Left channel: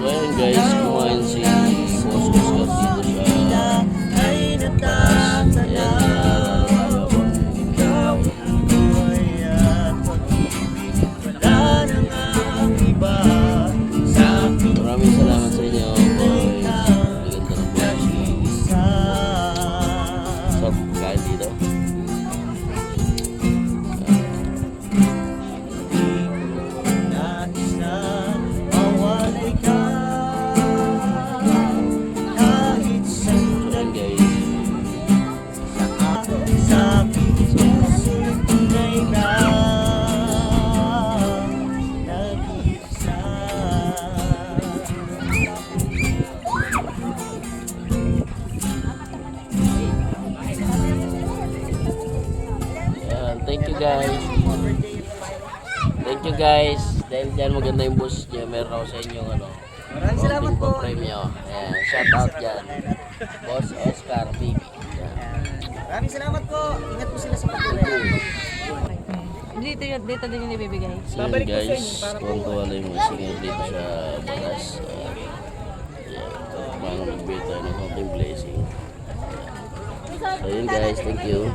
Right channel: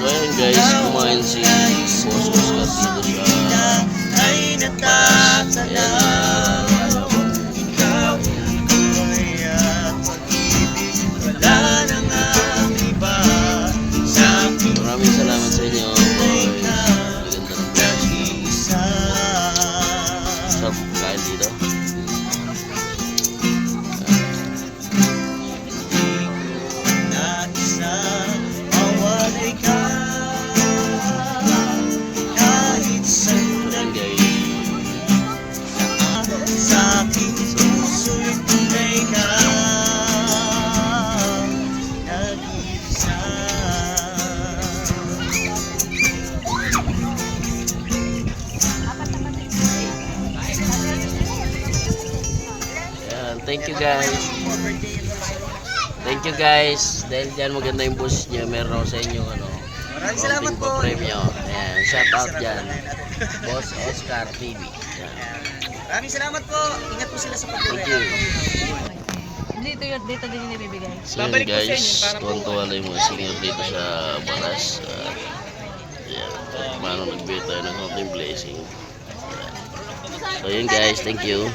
So ayun guys, kumain si Boss Oscar dito sa Paras. Maraming salamat sa inyo boys. Maganda ng boys. Sarap kain dito. Thank you guys. Thank you guys. Dahil dyan maganda yung bus niya. Meron ako sa inyo Maraming salamat po. Premyo. Ayan, shout out dyan. Boss Oscar TV. Ayan. Maraming salamat po. Ingat po sila sa Thank pagkakita. you. Dito din yung ibibigay. So yun guys, tuwan-tuwa lang yung mga singer dito sa Baras. Ayan, kahit paano nagbigay tayo ng konting blessing. So yun guys, thank you.